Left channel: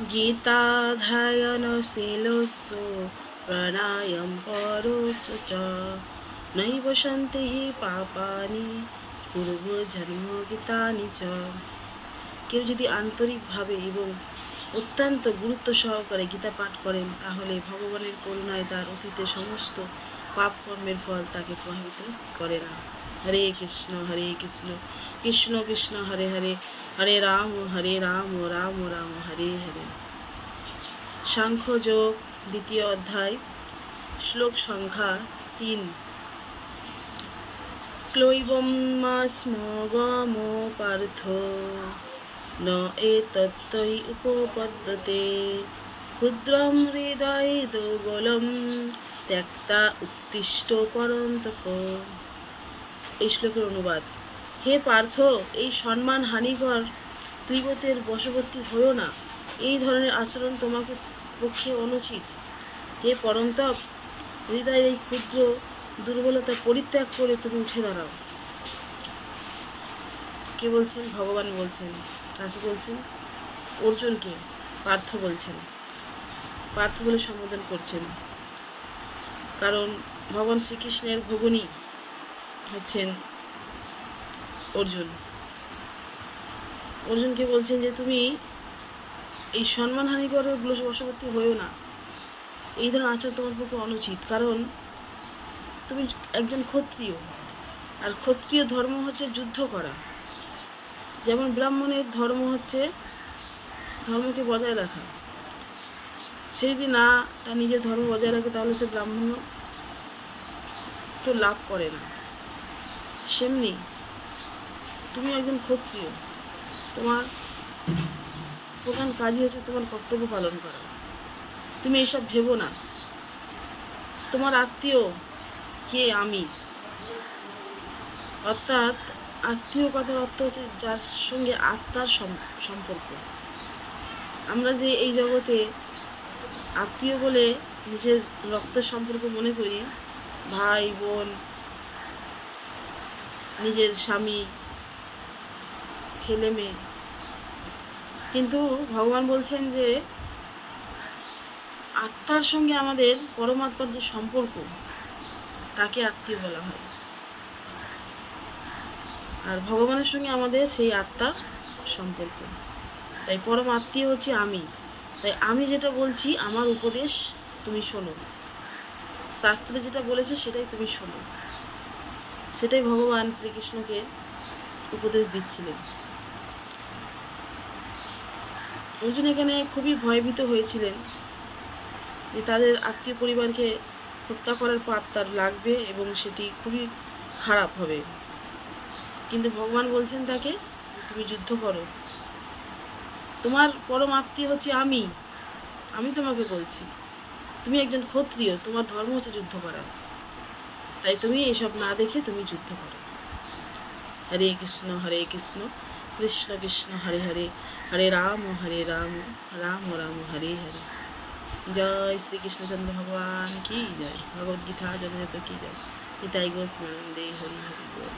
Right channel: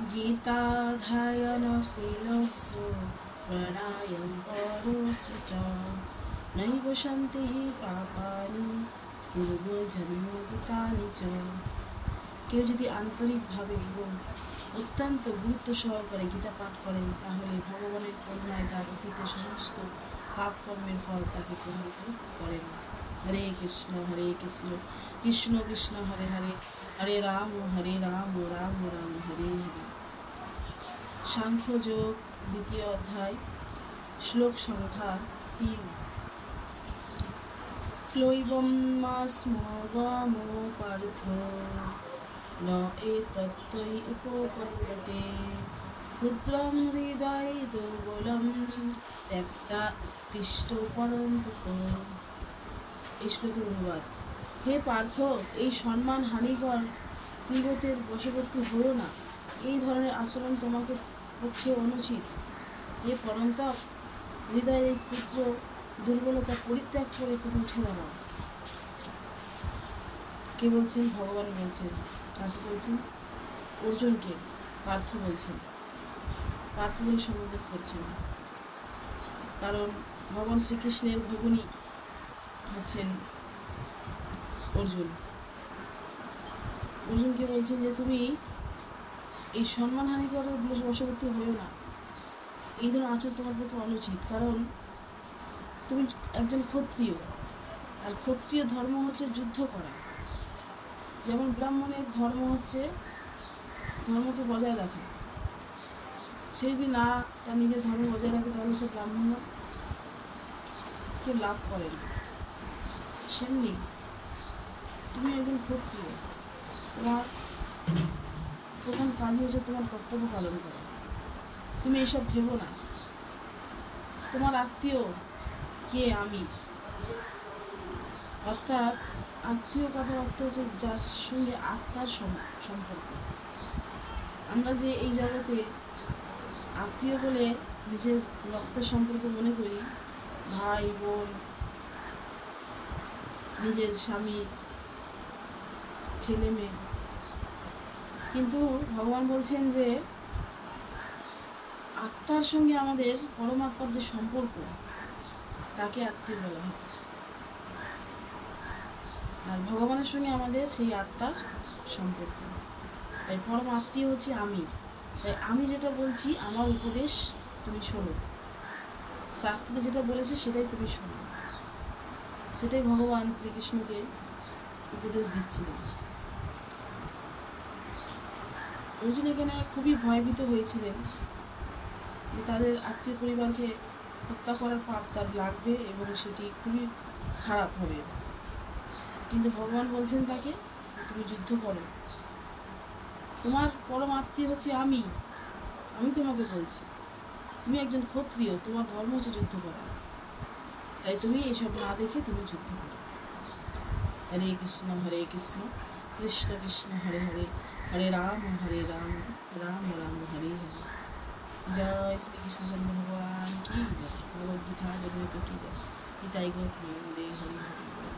गीताध्ययनशीलोऽसु प्राणायाम परोऽसु च नैव शान्ति पापानि पूर्वजन्मकृतानि च। কেউ যদি আন্তরিকভাবে এবং অত্যন্ত গুরুত্ব সহকারে গীতা পাঠ করেন তাহলে ভগবানের করুণায় তার অতীতের সমস্ত পাপ কর্মের ফল তাকে প্রভাবিত করে না। হরে কৃষ্ণ কৃষ্ণ কৃষ্ণ হরে হরে, হরে রাম রাম রাম হরে হরে। সাংখ্যযোগ দ্বিতীয় অধ্যায় শ্লোক সংখ্যা 3। ক্লৈবম্যাস্মগমো পার্থ ন এতত্তৈ উপপদ্যতে ক্ষুদ্রম হৃদয় দুর্বলম ত্যক্তা উত্তিষ্ঠ পরন্তপ। এই শ্লোকের অনুবাদ: হে পার্থ, এই সম্মান হানিকর ক্লীবতের বশবর্তী হয়েও না। এই ধরনের আচরণ তোমাকে পক্ষে অনুচিত। হে পরন্তপ, হৃদয়ের এই ক্ষুদ্র দুর্বলতা পরিত্যাগ করে তুমি উঠে দাঁড়াও। কে বলছেন? ভগবান বলছেন। কাকে বলছেন? অর্জুনকে পার্থ বলছেন। পার্থ বলে সম্বোধন করছেন, কারণ ভগবান শ্রীকৃষ্ণের ভগিনী হচ্ছেন অর্জুন। অর্জুনকে বলছেন যে তুমি এই সম্মানহানিকর বশবর্তী হয়েও না। এই ধরনের আচরণ তোমার পক্ষে অনুচিত, কারণ তুমি একজন ক্ষত্রিয়, আর ক্ষত্রিয় ধর্ম হচ্ছে যুদ্ধ করা। যেমন ব্রাহ্মণের ধর্ম হচ্ছে ধর্মকে বজায় রাখা। সে যদি না তার নিজের ধর্ম বজায় রাখে তাহলে সে ব্রাহ্মণ তো লাভ করে না। সেমনি তুমি একজন ক্ষত্রিয়, তোমার প্রধান কাজই হচ্ছে তোমার কর্তব্য পালন করা। তুমি এসব ভেবো না। তোমার আত্মীয় কে? আমি। অর্থাৎ আত্মীয় কথার অর্থ হচ্ছে যার সঙ্গে আত্মার সম্পর্ক। আমরা যে এই জগতে আত্মীয় বলে নিজের রক্তের সম্পর্ক মনে করি, ভাই বোন, নিজের স্বামী, ছেলে মেয়ে, কিন্তু ভগবান বলছেন যে আত্মার সঙ্গে আমাদের পরমাত্মার যে সম্পর্ক তাকে আত্মীয় বলা হয়। আর ভগবানের সঙ্গে আমাদের সেই আত্মার সম্পর্ক। তাই পরম আত্মীয় হচ্ছে আমি। তাই আমি যেটা বলছি, আমার উপদেশ তুমি শোনো। শাস্ত্রে যেটা বলেছে সেটাই তুমি শোনো। সেটাই ভগবান শ্রীকৃষ্ণকে উপদেশ দিচ্ছিলেন। অর্জুন এখানে খুবই ভয়ভীত হয়েছিলেন যে তাদের আত্মীয় পরিবারকে হত্যা করার পাপ তার লাগবে এবং সেটি খুবই খারাপ হবে। কিন্তু ভগবান বলছেন তাকে, তুমি যুদ্ধ করো। তোমার পরম আত্মীয় হচ্ছে আমি তোমাকে বলছি। তুমি একজন ক্ষত্রিয়, তোমার ধর্ম হচ্ছে যুদ্ধ করা। তাই তুমি এসব না দেখে তুমি যুদ্ধ করো। হরে কৃষ্ণ কৃষ্ণ কৃষ্ণ হরে হরে, হরে রাম রাম রাম হরে হরে। জয় শ্রীকৃষ্ণচন্দ্র ভগবান কি জয়। ভগবদ্গীতা যথাযথ কি জয়। এটাই গো দে হরি হরি বল।